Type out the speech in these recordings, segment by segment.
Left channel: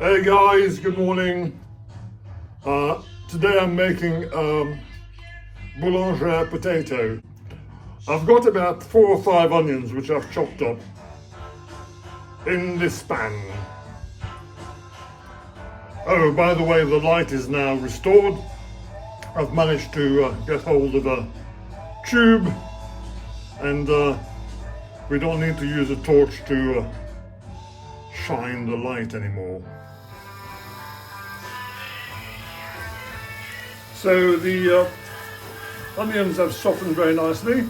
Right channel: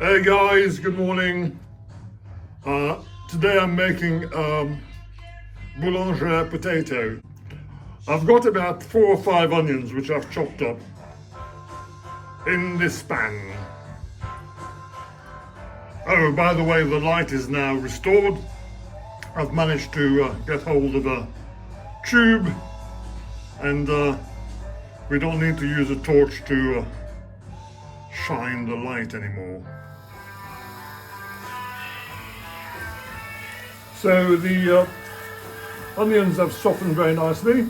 Hey guys, good morning. Today I'm making Boulangère potato. I've got about 4 or 5 onions which I've chopped up in this pan. Oh, by the way, the light is now restored. I've managed to get hold of a tube, and we don't need to use a torch to shine the light anymore. So the onions have softened very nicely,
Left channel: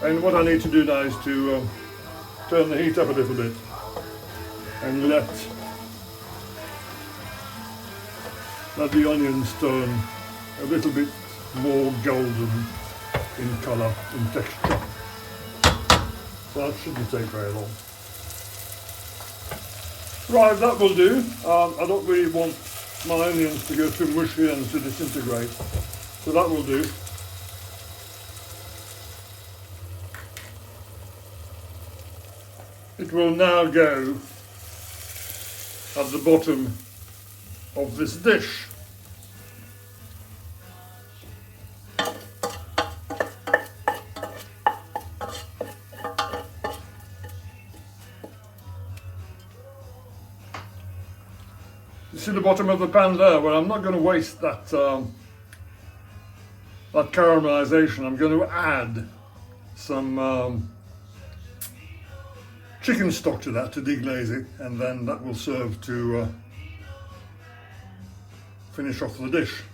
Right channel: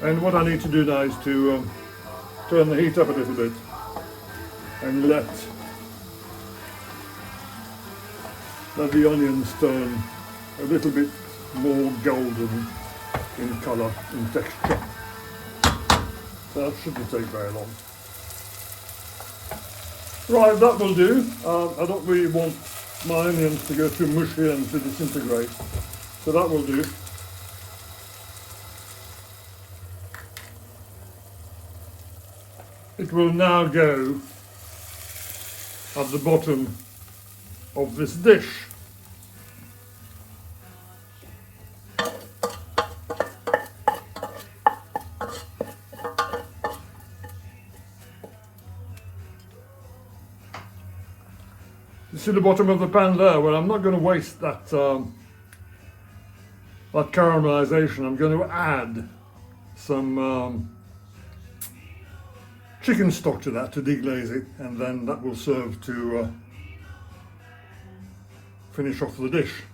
and what I need to do now is to turn the heat up a little bit and let the onions turn a little bit more golden in colour and texture. That shouldn't take very long. Right, that will do. I don't really want my onions to go too mushy and to disintegrate, so that will do. It will now go at the bottom of this dish. You see the bottom of the pan there? Well, I'm not going to waste that caramelization. I'm going to add some chicken stock to that to deglaze it, and then that will serve to finish off the dish.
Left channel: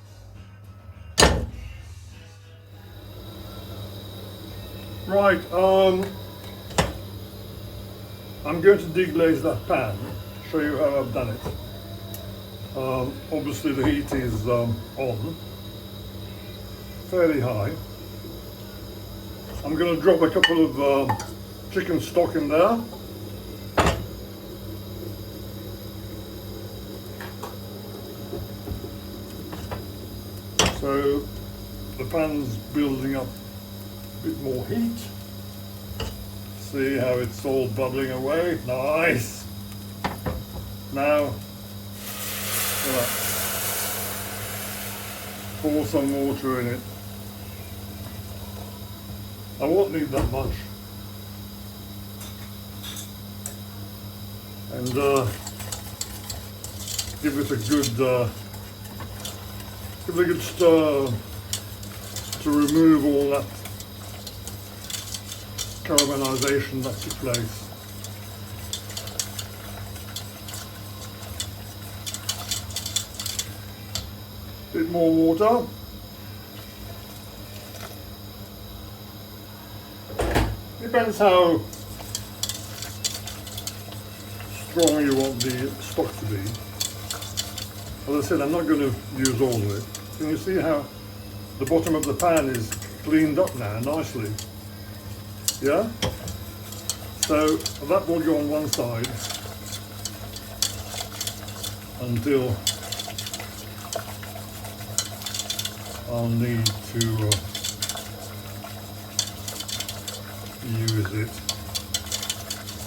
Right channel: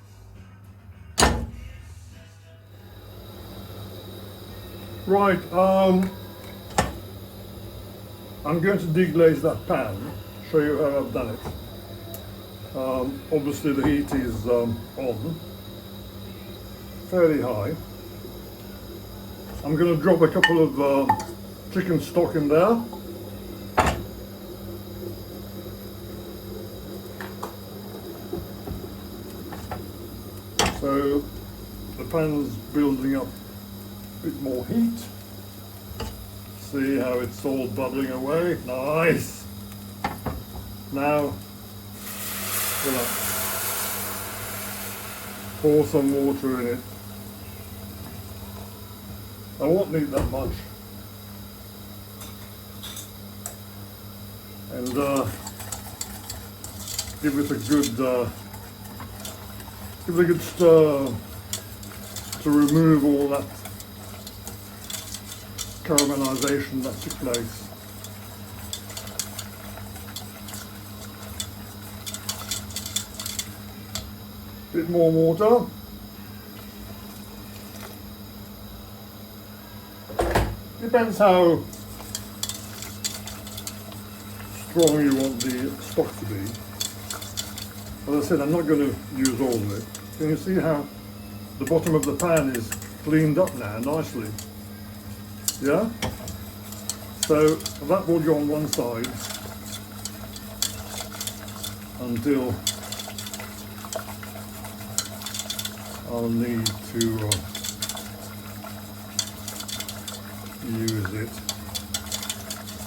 Right, I'm going to deglaze that pan, show you how I've done it. Obviously the heat is on, fairly high. I'm going to drop a couple of chicken stock in there. So the pan's building up a bit more heat. See how it's all bubbling away? Nice! Now, pour some water in it. I won't need that much. And give it a good stir to remove all that caramelization that took place. Bit more water. Depends how strong you want the stock to be. As I said, I'm not going to use all of it. Can you see how the bottom of the pan is cleaned up now nicely? Yeah? So that will go on one side until I'll need to use it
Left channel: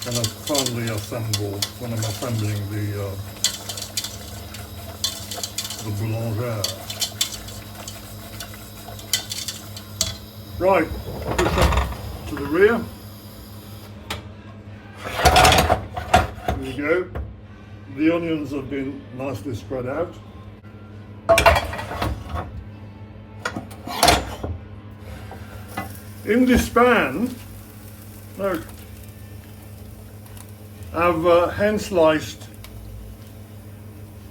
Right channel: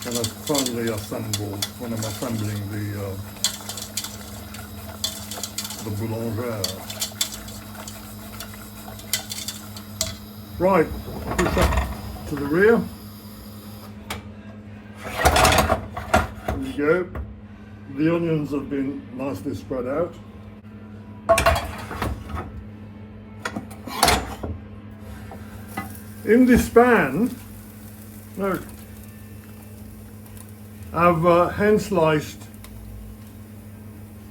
when I finally assemble, when I'm assembling the Boulangère. Right, push up to the rear. There you go. The onions have been nicely spread out. In this pan, look, I've hand sliced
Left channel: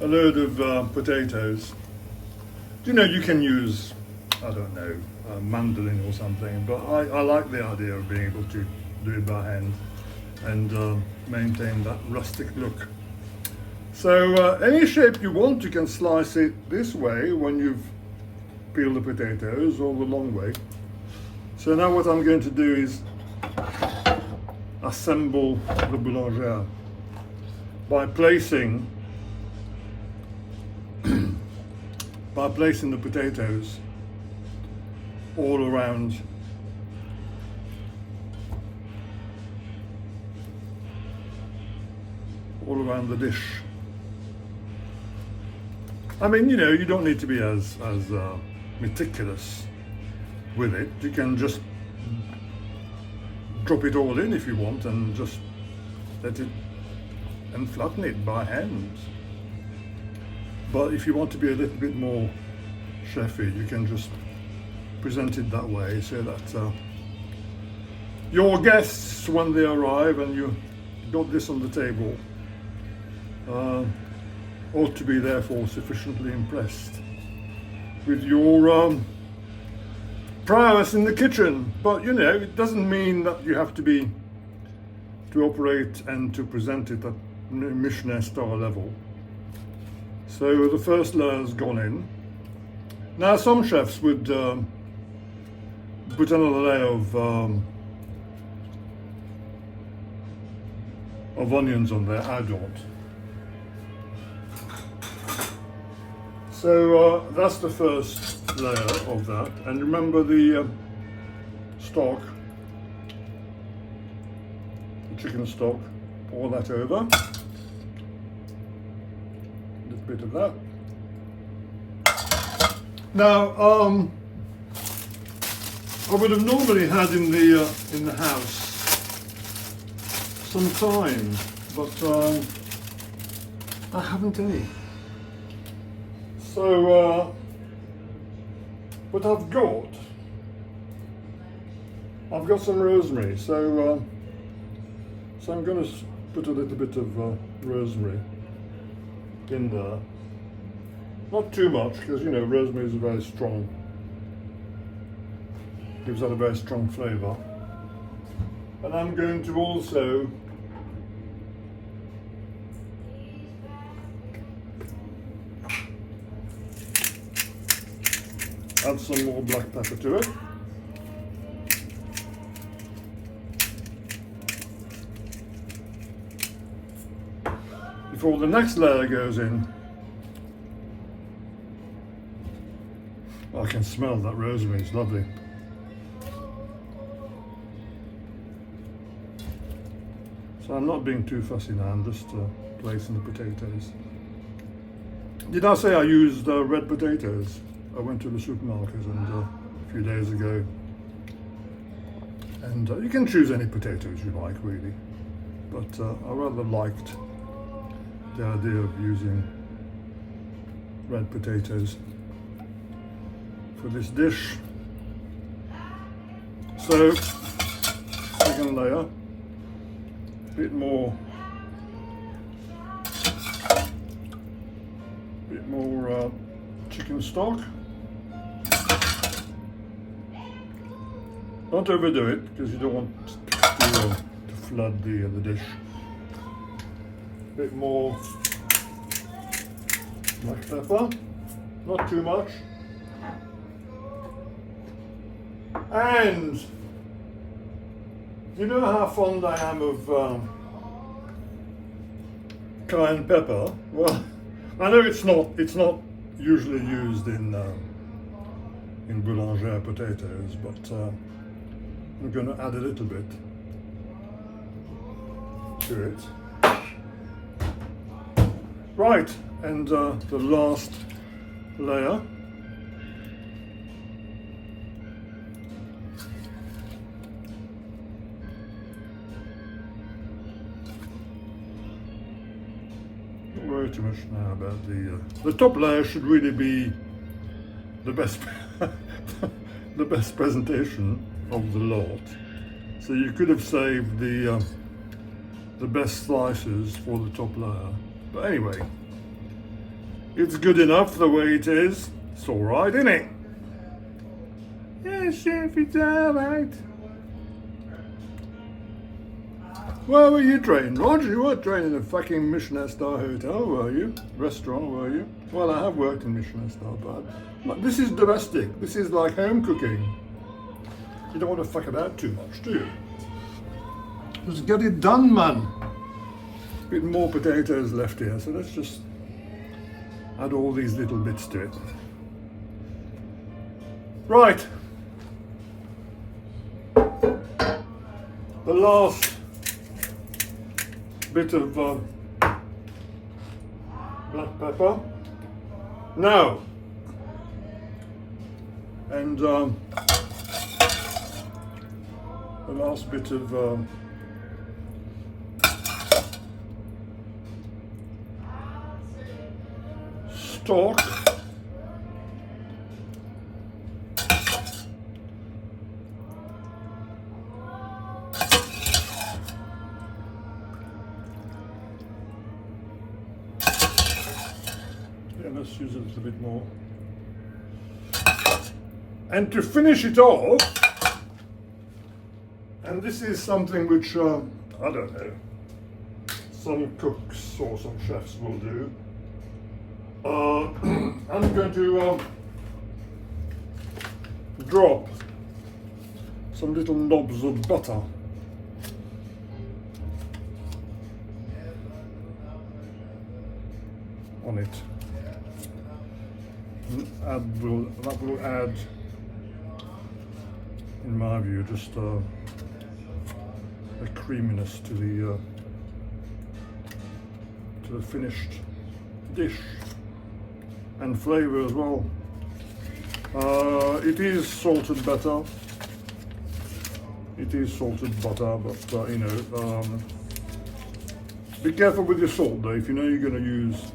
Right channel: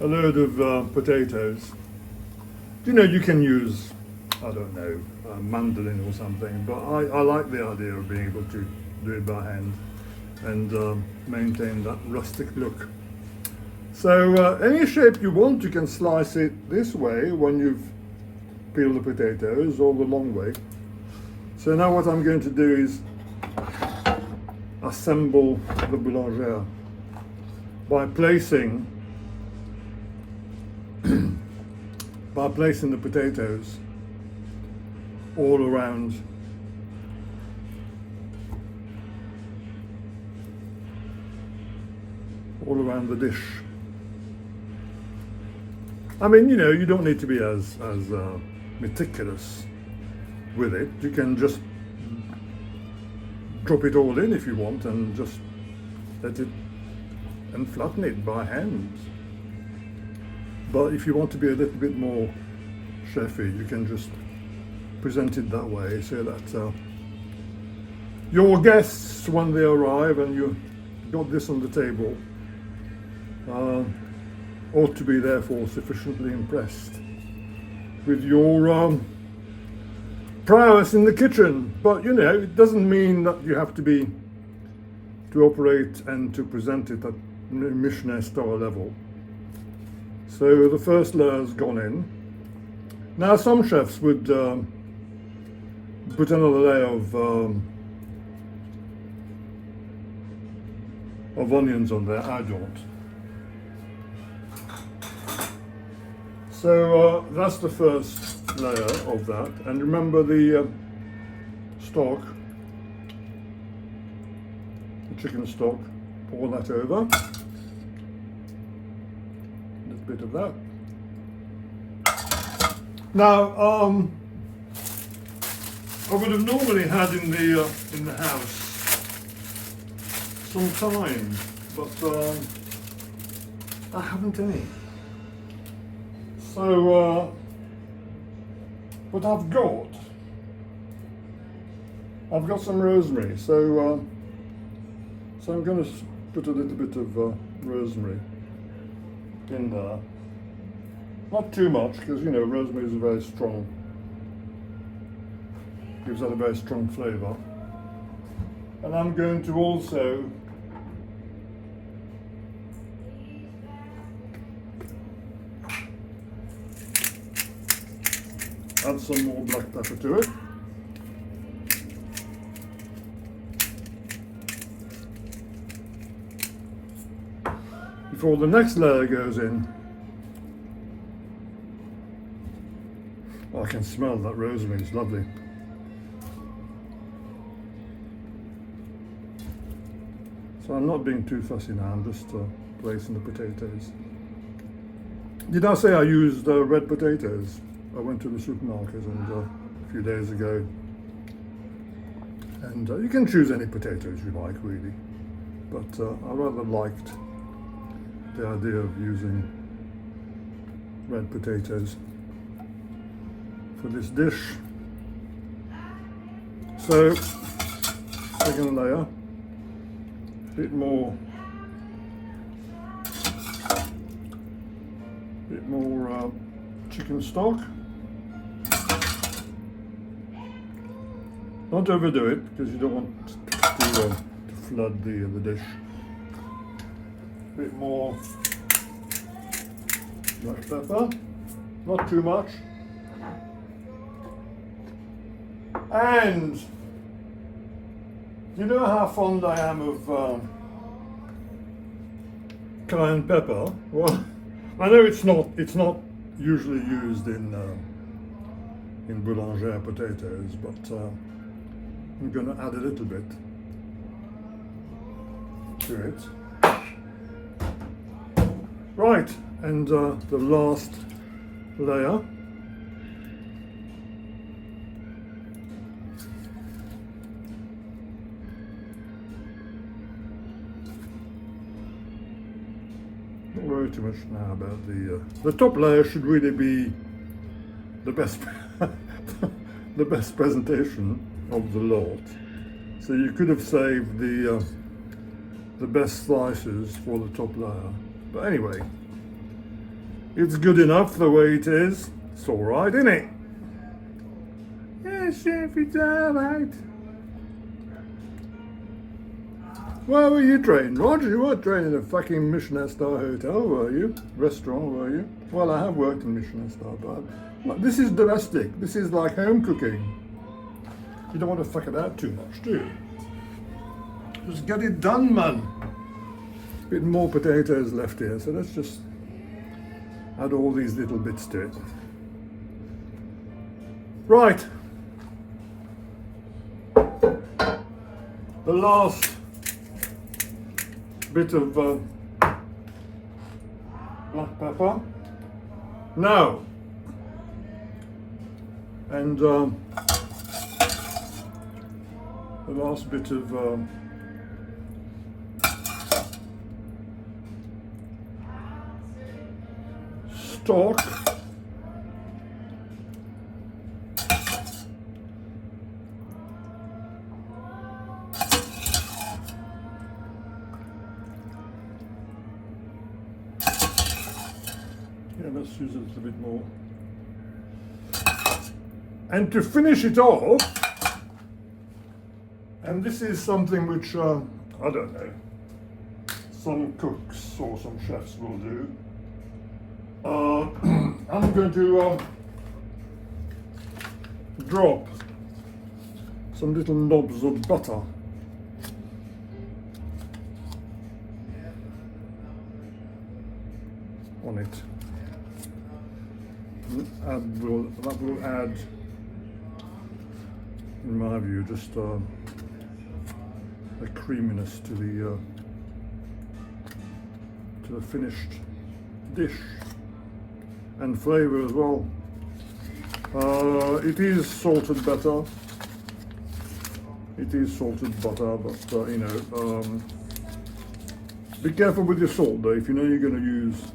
a load of potatoes. You know, you can use, I don't know, a mandolin or something, but I like the idea of being able to do it by hand and maintain that rustic look. So any shape you want, you can slice it this way when you've peeled the potatoes, or the long way. So now what I'm going to do is assemble the Boulangère by placing the potatoes all around the dish. I mean, you know, you don't need to be as meticulous with it. You can just drop it all in if you want and just let it and flatten it by hand. But if you want to be a little bit more chefy, you can just present it that way so that your guests, when they arrive and you got this on the table, ought to be therefore sufficiently impressed with your prowess in the kitchen. But you know, it doesn't mean that you have to operate and to present it at Michelin star level. So the first layer's gone in. Now some chefs would put another layer of onions on there. I don't. So that's the first layer of that. And remember the stock, the chicken stock, pour that over. A little bit of that. Now, I would have normally had in the house some thyme, but I haven't any. So, but I've got some rosemary. So I'm going to put a little bit of rosemary in there. Not too much, because you know rosemary is very strong. Gives that a very strong flavour. And I'm going to also add some more black pepper to it. Before the next layer goes in. I can smell that rosemary, it's lovely. So I'm not being too fussy now, I'm just placing the potatoes. Did I say I used red potatoes? I went to the supermarket and a few days ago, and you can choose any potatoes you like really, but I rather liked the idea of using red potatoes for this dish. So, second layer, a bit more chicken stock. Don't overdo it because you don't want to flood the dish. A bit more black pepper, not too much. And you know how fond I am of cayenne pepper? Well, I know it's not usually used in Boulangère potatoes, but I'm going to add a little bit to it. Right, and the last layer. Don't worry too much now about the top layer. Should really be the best the best presentation of the lot. So you could have saved the best slices for the top layer. But anyway, it's good enough the way it is. It's all right, isn't it? Yeah, chef, it's all right. Where were you trained, Roger? You weren't trained in a fucking Michelin star hotel, were you? Restaurant, were you? Well, I have worked in Michelin star, but this is domestic. This is like home cooking. You don't want to fuck about too much, do you? Just get it done, man. A bit more potatoes left here, so let's just add all these little bits to it. Right. The last bit of black pepper. Now, and the last bit of stock. Yeah, let's use it a little bit more. And to finish it off, and this is something which, I don't know, some cooks or some chefs will do. I'm going to drop some little knobs of butter on it. That will add, in my view, just a creaminess to the finished dish, and flavour as well. It is salted butter. It is salted butter, but you know, be careful with your salt though. If you know you're going to use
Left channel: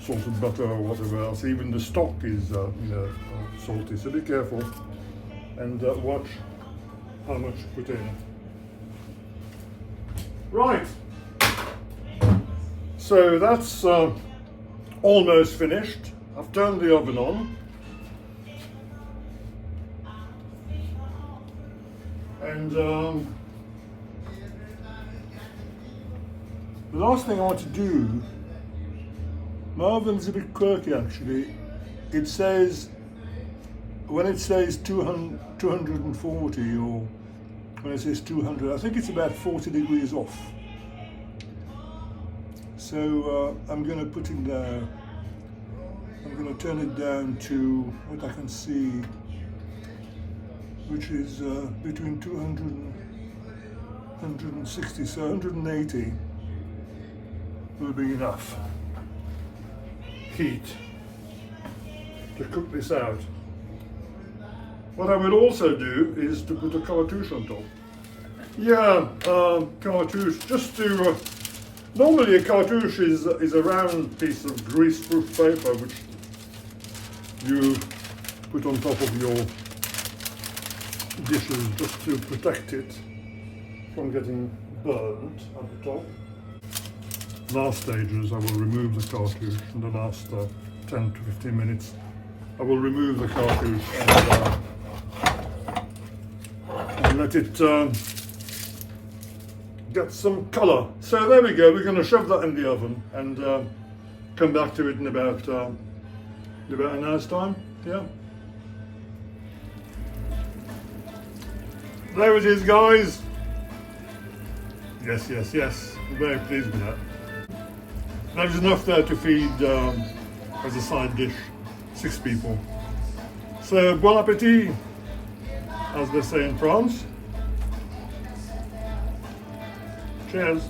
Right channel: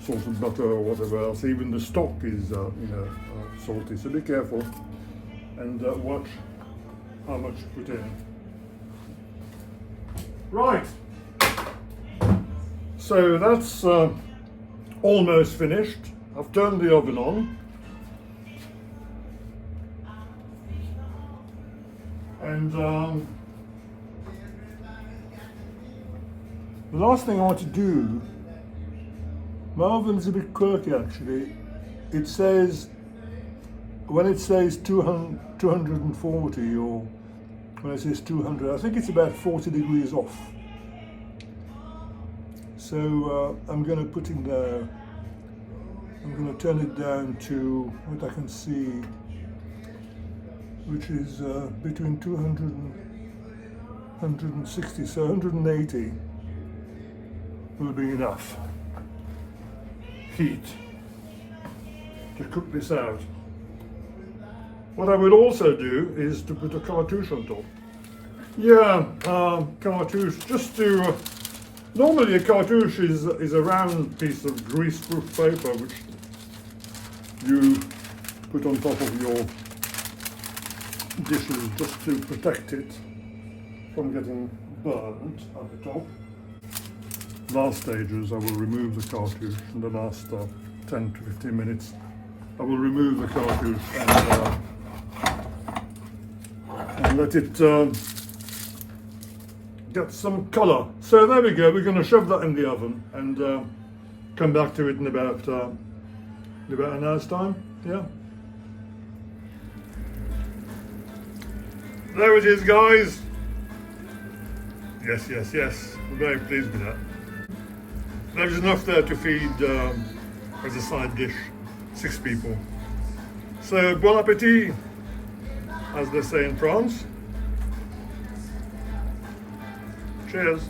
salted butter or whatever else, even the stock is you know, salty, so be careful and watch how much you put in. Right, so that's almost finished. I've turned the oven on, and the last thing I want to do, my oven's a bit quirky actually. It says, when it says 240 or when it says 200, I think it's about 40 degrees off. So I'm going to put it there. I'm going to turn it down to what I can see, which is between 200 and 160, so 180 will be enough heat to cook this out. What I will also do is to put a cartouche on top. Yeah, cartouche, just to, normally a cartouche is a round piece of greaseproof paper which you put on top of your dishes just to protect it from getting burnt at the top. Last stages I will remove the cartouche. In the last 10 to 15 minutes I will remove the cartouche and let it get some colour. So there we go, we're going to shove that in the oven and come back to it in about an hour's time. Yeah. There it is, guys. Yes, yes, yes. I'm very pleased with that. There's enough there to feed, as a side dish, 6 people. So, bon appétit, as they say in France. Cheers.